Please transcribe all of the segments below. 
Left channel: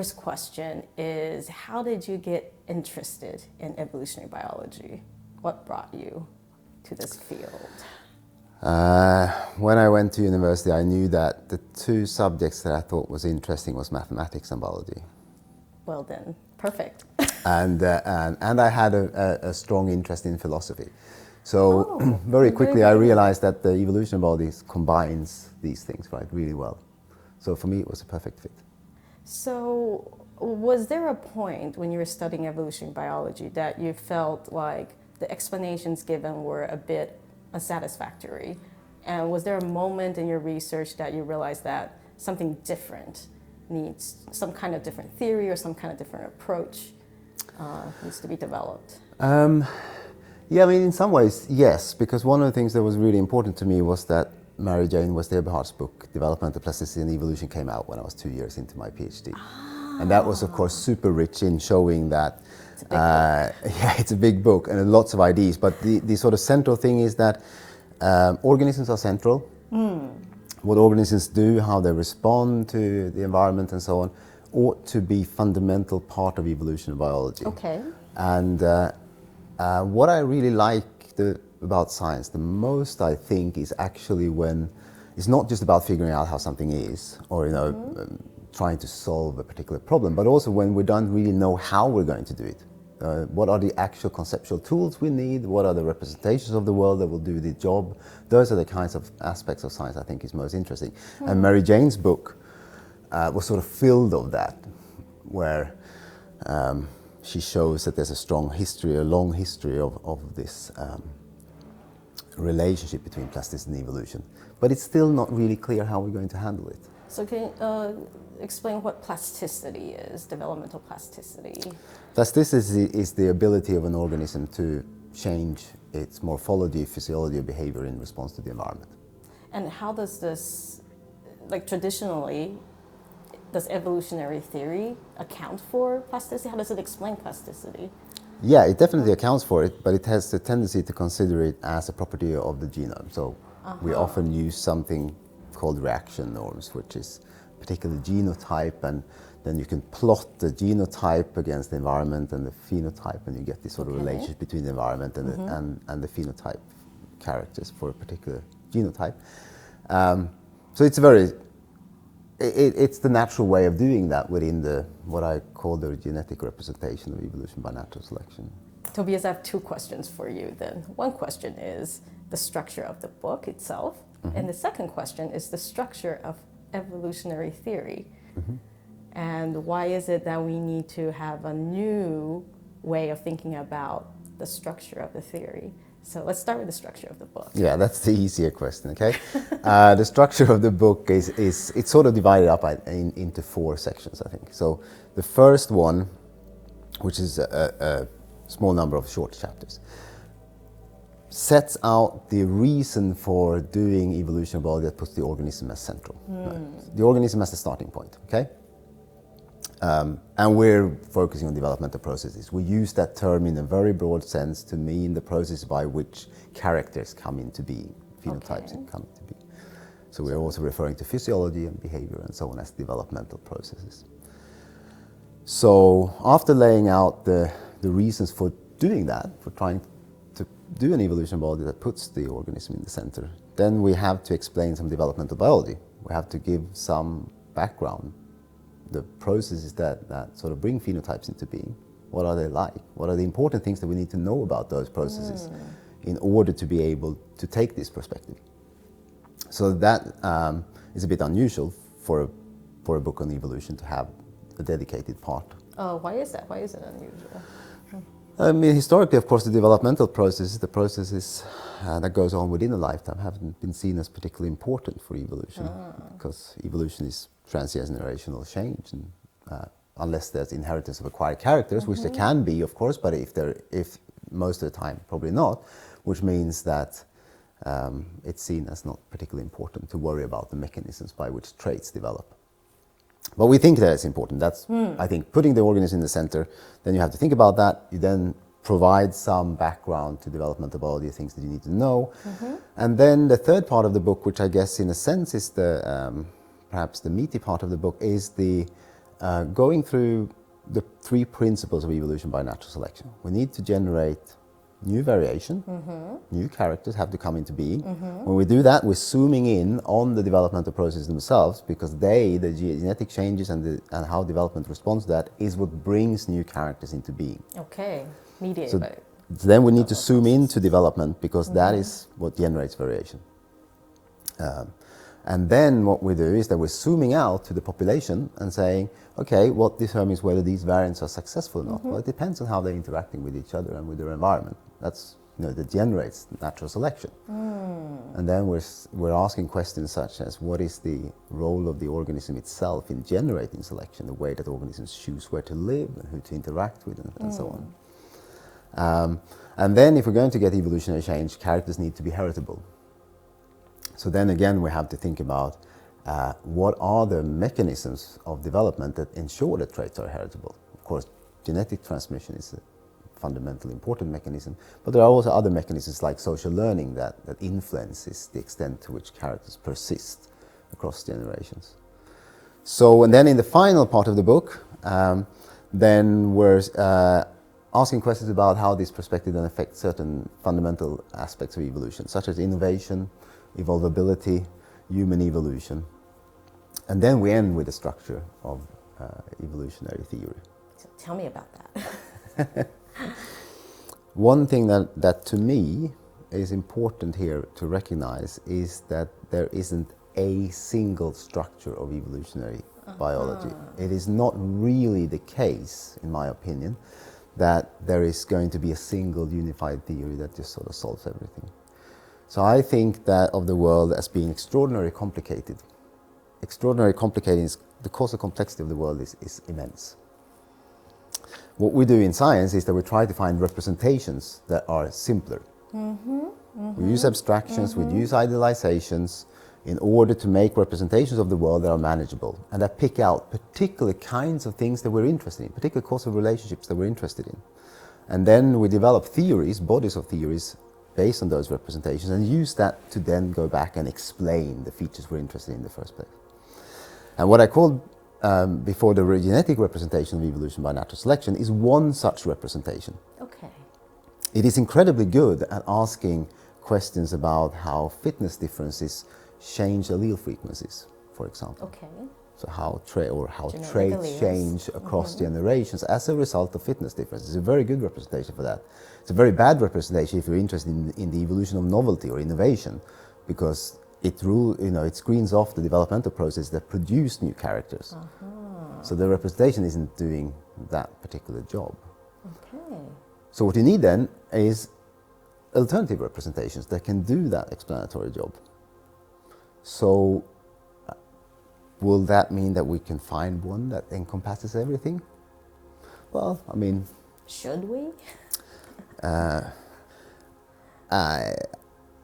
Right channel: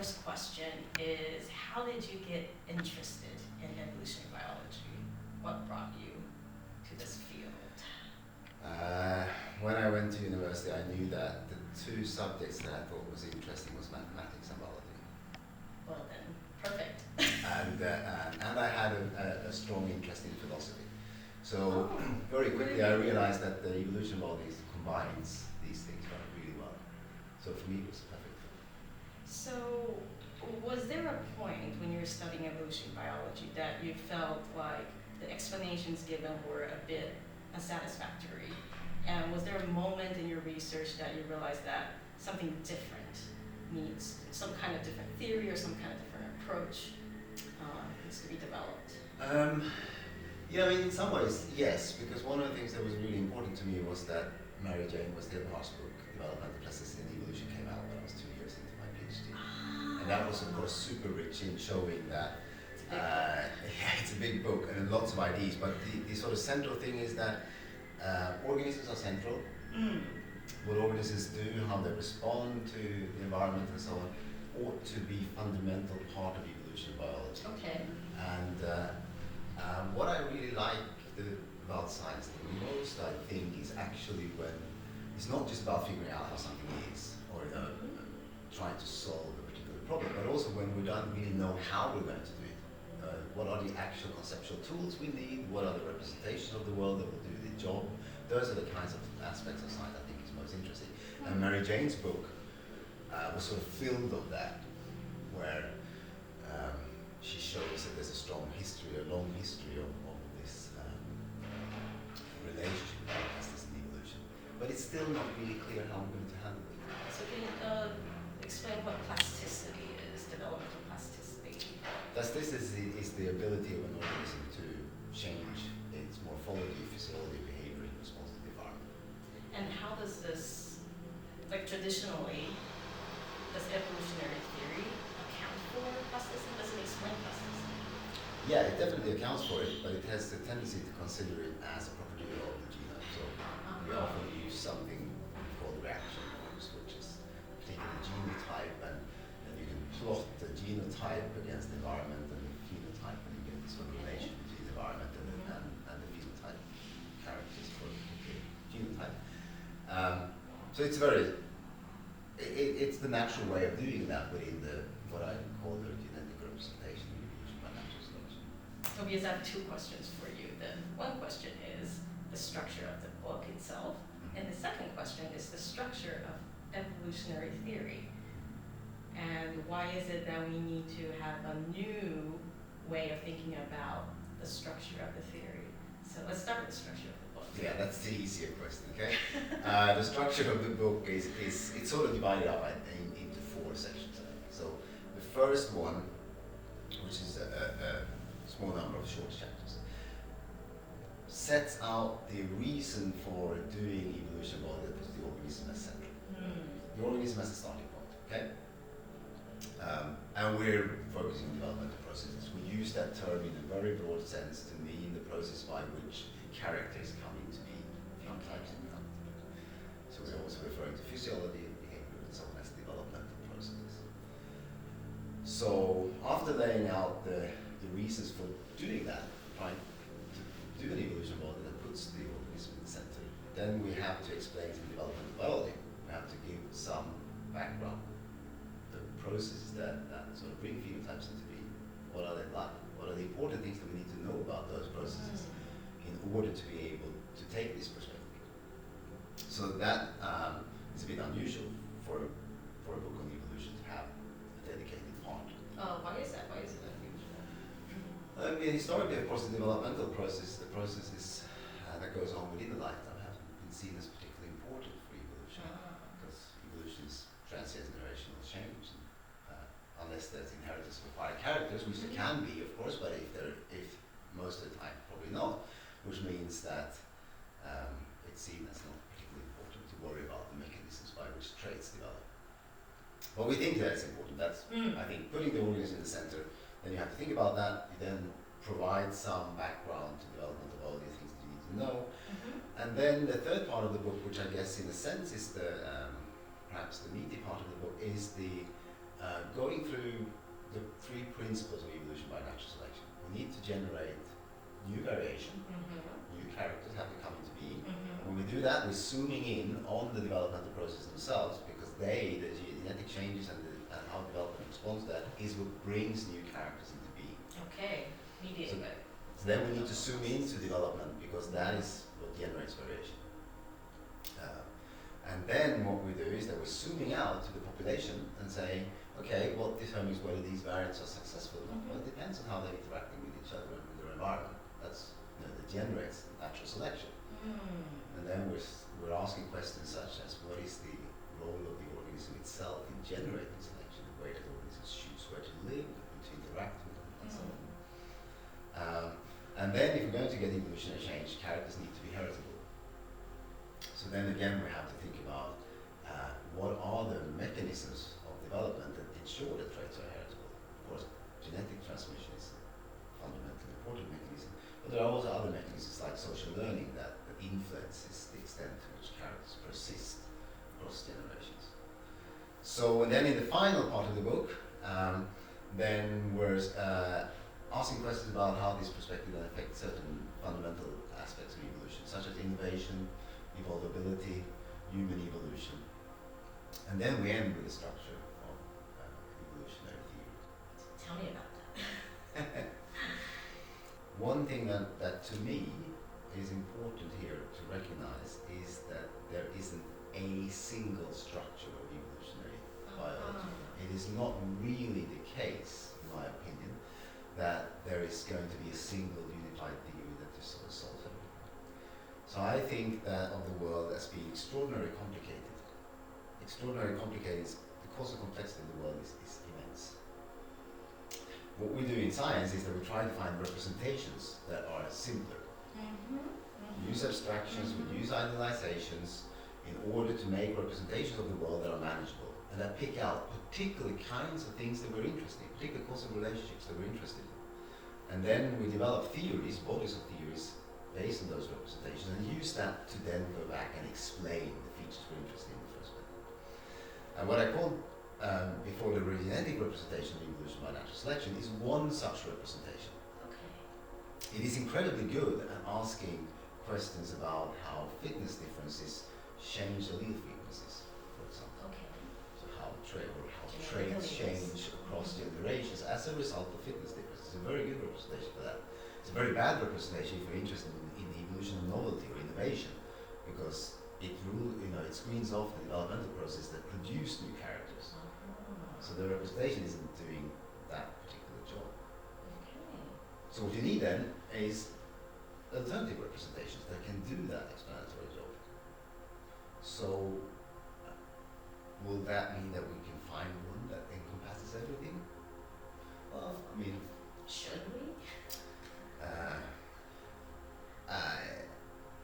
first question is, how did you get interested in evolutionary biology? What brought you to this field? When I went to university, I knew that the two subjects that I thought was interesting was mathematics and biology. Well then, perfect. And I had a strong interest in philosophy. So very quickly I realized that the evolution of biology combines these things really well. So for me it was a perfect fit. So was there a point when you were studying evolutionary biology that you felt like the explanations given were a bit unsatisfactory? And was there a moment in your research that you realized that something different needs, some kind of different theory or some kind of different approach needs to be developed? Yeah, I mean, in some ways, yes, because one of the things that was really important to me was that Mary Jane West-Eberhardt's book, Developmental Plasticity and Evolution, came out when I was 2 years into my PhD. And that was, of course, super rich in showing that, it's a big book and lots of ideas, but the sort of central thing is that organisms are central. What organisms do, how they respond to the environment and so on, ought to be fundamental part of evolutionary biology. Okay. And what I really like about science the most, I think, is actually when it's not just about figuring out how something is, or trying to solve a particular problem, but also when we don't really know how we're going to do it. What are the actual conceptual tools we need? What are the representations of the world that will do the job? Those are the kinds of aspects of science I think is most interesting. And Mary Jane's book was sort of filled of that, where she shows that there's a strong history, a long history of this relationship between plasticity and evolution. But it's still not really clear how we're going to handle it. So can you explain what plasticity is, developmental plasticity? Plasticity is the ability of an organism to change its morphology, physiology, or behavior in response to the environment. And how does this, traditionally, does evolutionary theory account for plasticity? How does it explain plasticity? Yeah, it definitely accounts for it, but it has the tendency to consider it as a property of the genome. So we often use something called reaction norms, which is a particular genotype, and then you can plot the genotype against the environment and the phenotype, and you get this sort of relationship between the environment and the phenotype characters for a particular genotype. So it's the natural way of doing that within what I call the genetic representation of evolution by natural selection. Tobias, I have two questions for you then. One question is the structure of the book itself, and the second question is the structure of evolutionary theory. And why is it that we need to have a new way of thinking about the structure of the theory? So let's start with the structure of the book. Yeah, that's the easier question, okay? The structure of the book is it's sort of divided up into 4 sections, I think. So the first one, which is a small number of short chapters, sets out the reason for doing evolutionary biology that puts the organism as central. Right? The organism as the starting point, okay? And we're focusing on developmental processes. We use that term in a very broad sense to mean the process by which characters come into being, phenotypes come into being. So we're also referring to physiology and behavior and so on as developmental processes. So after laying out the reasons for doing that, for trying to do an evolution biology that puts the organism in the center, then we have to explain some developmental biology. We have to give some background, the processes that sort of bring phenotypes into being. What are they like? What are the important things that we need to know about those processes in order to be able to take this perspective? So that is a bit unusual for a book on evolution to have a dedicated part. Oh, why is that? Why is it unusual? I mean, historically, of course, the developmental processes, the processes that goes on within a lifetime, haven't been seen as particularly important for evolution, because evolution is transgenerational change, and unless there's inheritance of acquired characters, which there can be, of course, but if most of the time, probably not, which means that it's seen as not particularly important to worry about the mechanisms by which traits develop. But we think that it's important. That's, I think, putting the organism in the center. Then you have to think about that. You then provide some background to developmental biology, things that you need to know. And then the third part of the book, which I guess in a sense is the perhaps the meaty part of the book, is the going through the 3 principles of evolution by natural selection. We need to generate new variation, new characters have to come into being. When we do that, we're zooming in on the developmental processes themselves, because the genetic changes and how development responds to that is what brings new characters into being. Okay, mediate. So then we need to zoom into development, because that is what generates variation. And then what we do is that we're zooming out to the population and saying, okay, what determines whether these variants are successful or not? Well, it depends on how they're interacting with each other and with their environment. That's, that generates natural selection. And then we're asking questions such as, what is the role of the organism itself in generating selection, the way that organisms choose where to live and who to interact with, and so on. And then if we're going to get evolutionary change, characters need to be heritable. So then again, we have to think about what are the mechanisms of development that ensure that traits are heritable. Of course, genetic transmission is a fundamentally important mechanism, but there are also other mechanisms like social learning that influences the extent to which characters persist across generations. So, and then in the final part of the book, then we're asking questions about how this perspective then affects certain fundamental aspects of evolution, such as innovation, evolvability, human evolution. And then we end with the structure of evolutionary theory. So tell me about that. One thing that to me is important here to recognize is that there isn't a single structure of evolutionary biology. It is not really the case, in my opinion, that there is going to be a single unified theory that just sort of solves everything. So I think that of the world as being extraordinarily complicated. Extraordinarily complicated is the causal complexity of the world is immense. What we do in science is that we try to find representations that are simpler. We use abstractions, we use idealizations in order to make representations of the world that are manageable and that pick out particular kinds of things that we're interested in, particular causal relationships that we're interested in. And then we develop theories, bodies of theories, based on those representations, and use that to then go back and explain the features we're interested in the first place. And what I called before the genetic representation of evolution by natural selection is one such representation. Okay. It is incredibly good at asking questions about how fitness differences change allele frequencies, for example. Okay. So how Genetic traits alleles. change across generations as a result of fitness differences. It's a very good representation for that. It's a very bad representation if you're interested in the evolution of novelty or innovation, because it screens off the developmental process that produce new characters. So the representation isn't doing that particular job. Okay. So what you need then is alternative representations that can do that explanatory job. So will that mean that we can find one that encompasses everything? Well, I mean... Should we?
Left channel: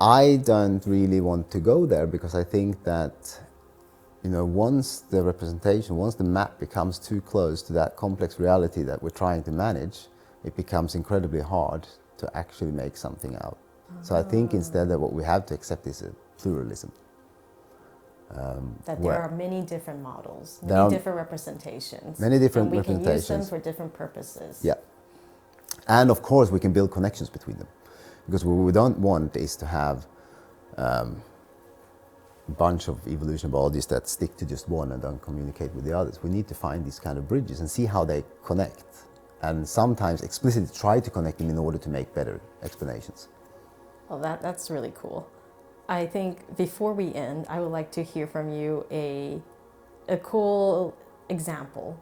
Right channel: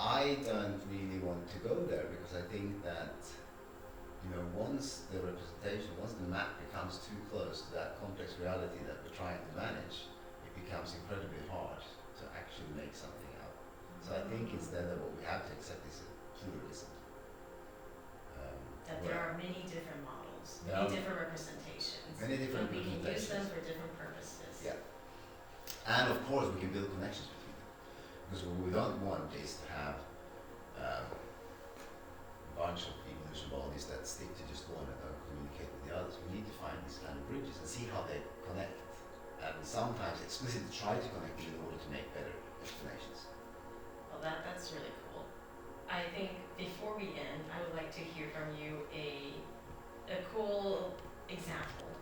I don't really want to go there, because I think that once the map becomes too close to that complex reality that we're trying to manage, it becomes incredibly hard to actually make something out. So I think instead that what we have to accept is a pluralism. That there are many different models, There are many different representations. many different and we can use them representations. for different purposes. Yeah. And of course we can build connections between them. Because what we don't want is to have a bunch of evolution biologists that stick to just one and don't communicate with the others. We need to find these kind of bridges and see how they connect. And sometimes explicitly try to connect them in order to make better explanations. Well, that's really cool. I think before we end, I would like to hear from you a cool example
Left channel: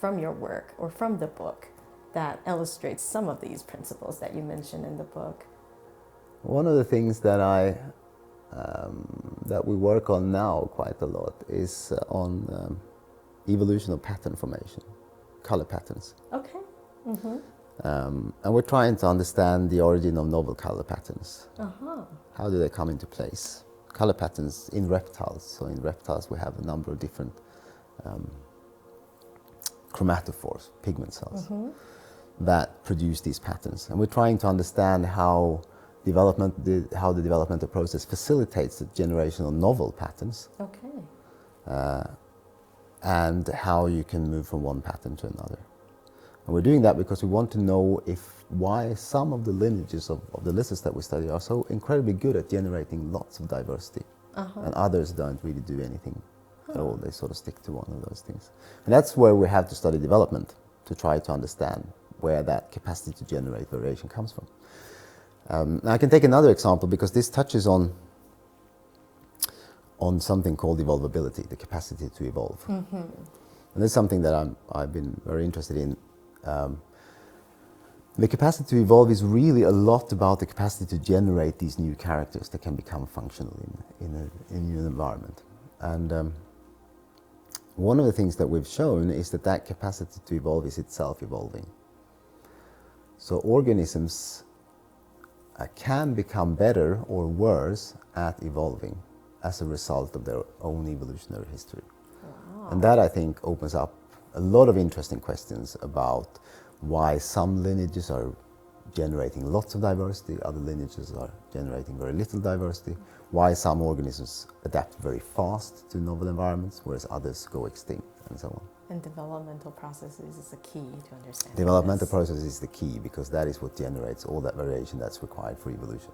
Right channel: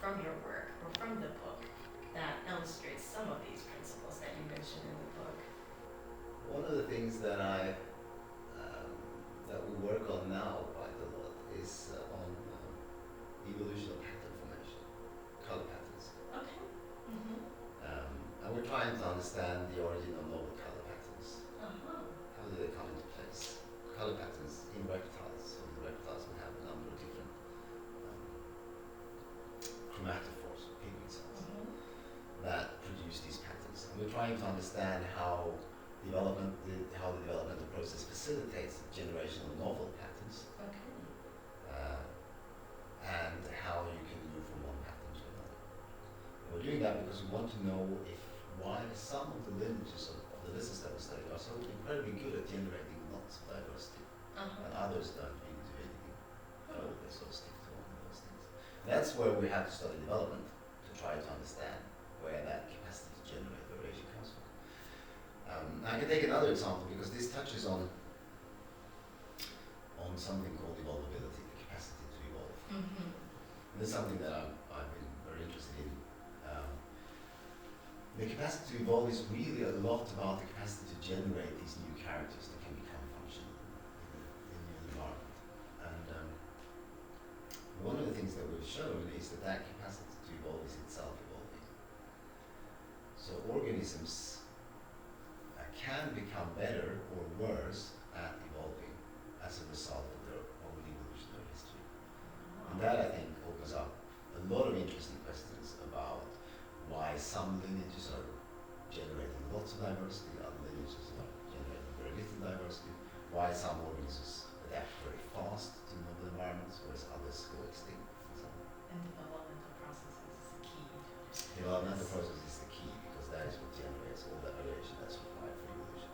from your work or from the book that illustrates some of these principles that you mentioned in the book. One of the things that that we work on now quite a lot is on evolution of pattern formation, color patterns. Okay. And we're trying to understand the origin of novel color patterns. How do they come into place? Color patterns in reptiles. So in reptiles we have a number of different chromatophores, pigment cells, that produce these patterns. And we're trying to understand how the developmental process facilitates the generation of novel patterns. Okay. and how you can move from one pattern to another. And we're doing that because we want to know why some of the lineages of the lizards that we study are so incredibly good at generating lots of diversity, and others don't really do anything at all. They sort of stick to one of those things. And that's where we have to study development to try to understand where that capacity to generate variation comes from. I can take another example because this touches on something called evolvability, the capacity to evolve. And this is something that I've been very interested in. The capacity to evolve is really a lot about the capacity to generate these new characters that can become functional in an environment. And one of the things that we've shown is that capacity to evolve is itself evolving. So organisms can become better or worse at evolving as a result of their own evolutionary history. Wow. And that, I think, opens up a lot of interesting questions about why some lineages are generating lots of diversity, other lineages are generating very little diversity, why some organisms adapt very fast to novel environments, whereas others go extinct, and so on. And developmental processes is the key to understand. Developmental process is the key because that is what generates all that variation that's required for evolution.